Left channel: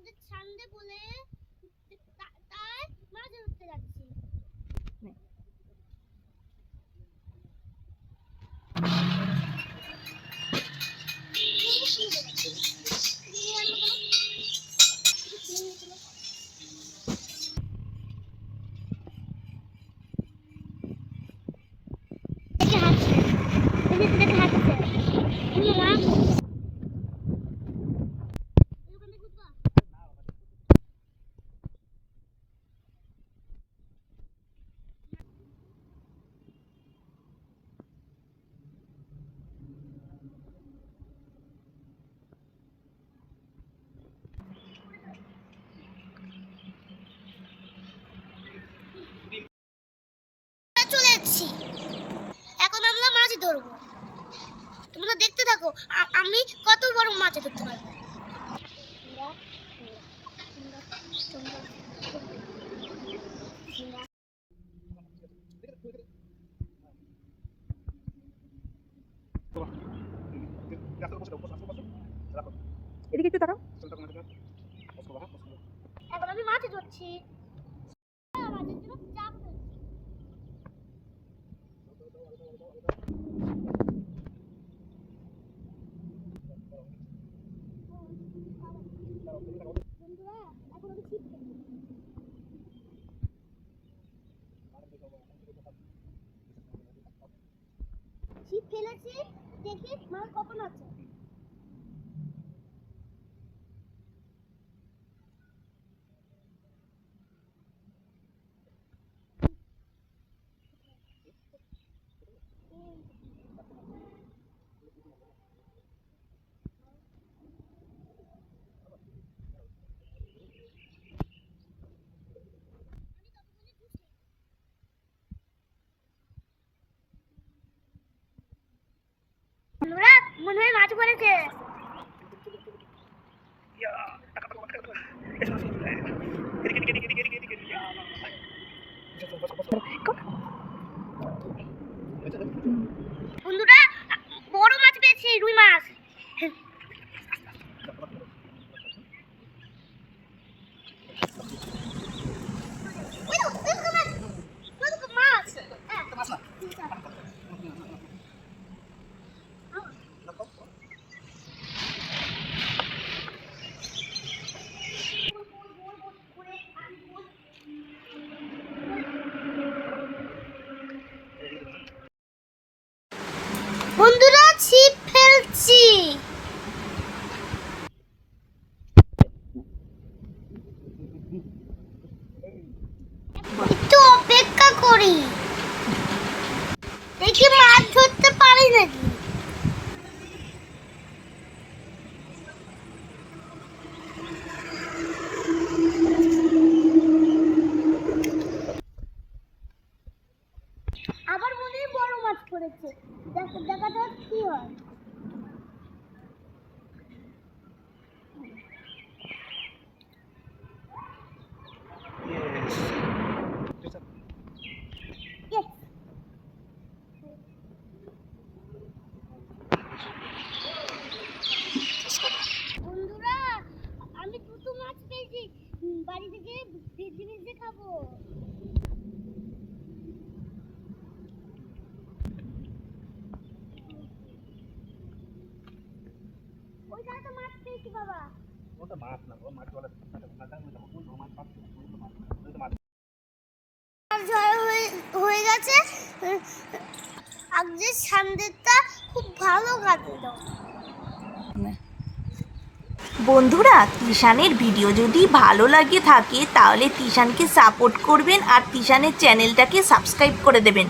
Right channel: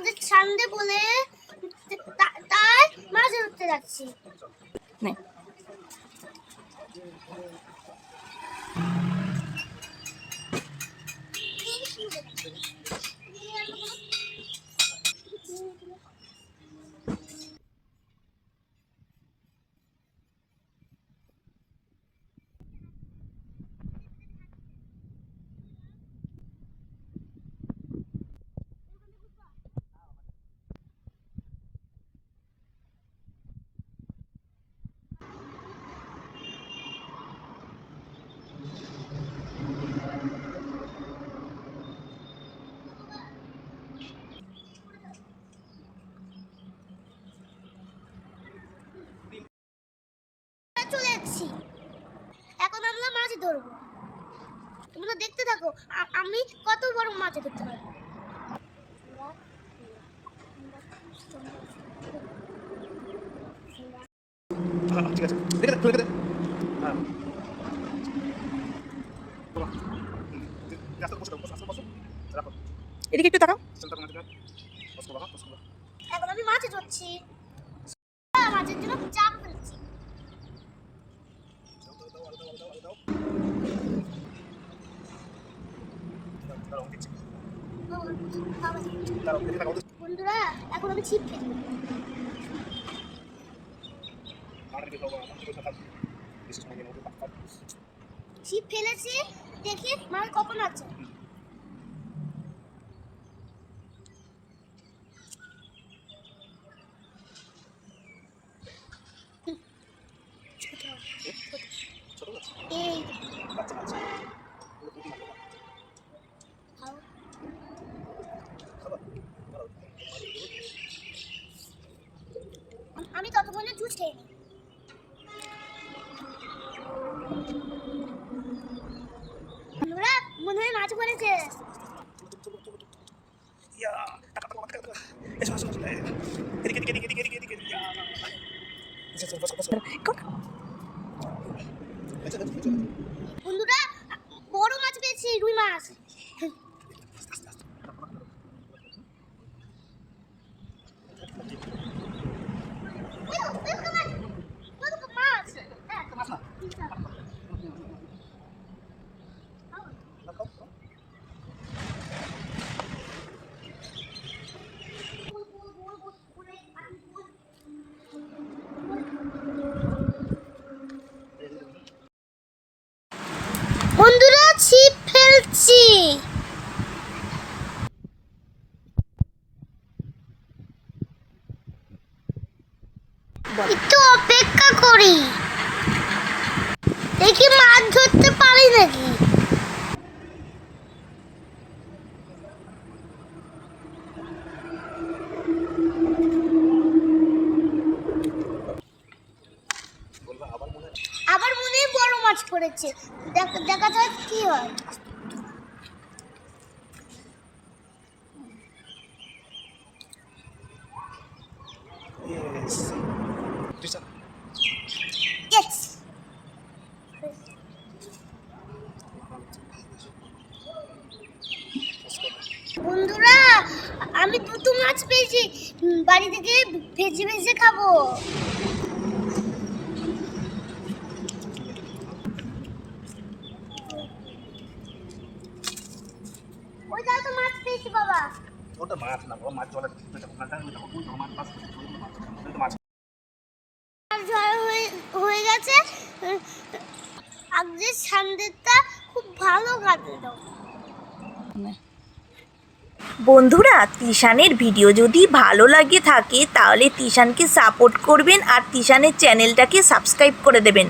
আমাদের সামনে বলে তা- তাই মাছ ধরতে যাচ্ছি। নে। দেখে এসেছি এখন আমরা মাছ ধরবো। তোমরা দেখতে থাকো আমি কত বড় মাছ ধরতে পারব। হ্যাঁ ঠিক আছে। দেখে হ্যাঁ। এদিকে একটু তাকাও। এখন আমি মাছ ধরছি। মাছের জন্য চাপ ফেলছি দাঁড়াও দিচ্ছি ও, বাবা। দাঁড়াও দেখে থাকো এখন আমি ছিপ পাক ছিপ ফেলেছি দেখি মাছ কখন আছে। খেয়ে বন্ধুরা মনে হয় মাছ পড়েছে। বন্ধুরা বড় মাছ পেয়েছি রুই মাছ ওই তো, ওই তো মাছ। ওই তো মাছ। হ্যাঁ। মাছ না বন্ধুরা ছিপ ফেলছি একটু অপেক্ষা করি। দেখি মাছ ধরতে পারি নাকি? আবার মনে বড় মাছ পড়েছে। দেখ- যাক কি হয়। Yes Disha Yes. বন্ধুরা আমি দুটো মাছ পেয়েছি। বাড়ি থেকে ভেজে ভেজে খাব। ওই দাও তো মাছ পেয়েছি বাবা। ওটা মাছ না বাবা মাছ জলে ধরা হয়ে হয়ে গেছে। আজকে সামনেরটা খুব ভালো কাটলো নে। বন্ধুরা, তিশানের ভিডিও যদি ভালো লাগে থাকে, তাহলে তিশানকে সাপোর্ট করবেন আর তিশানের চ্যানেলটাকে সাবস্ক্রাইব করে দেবেন।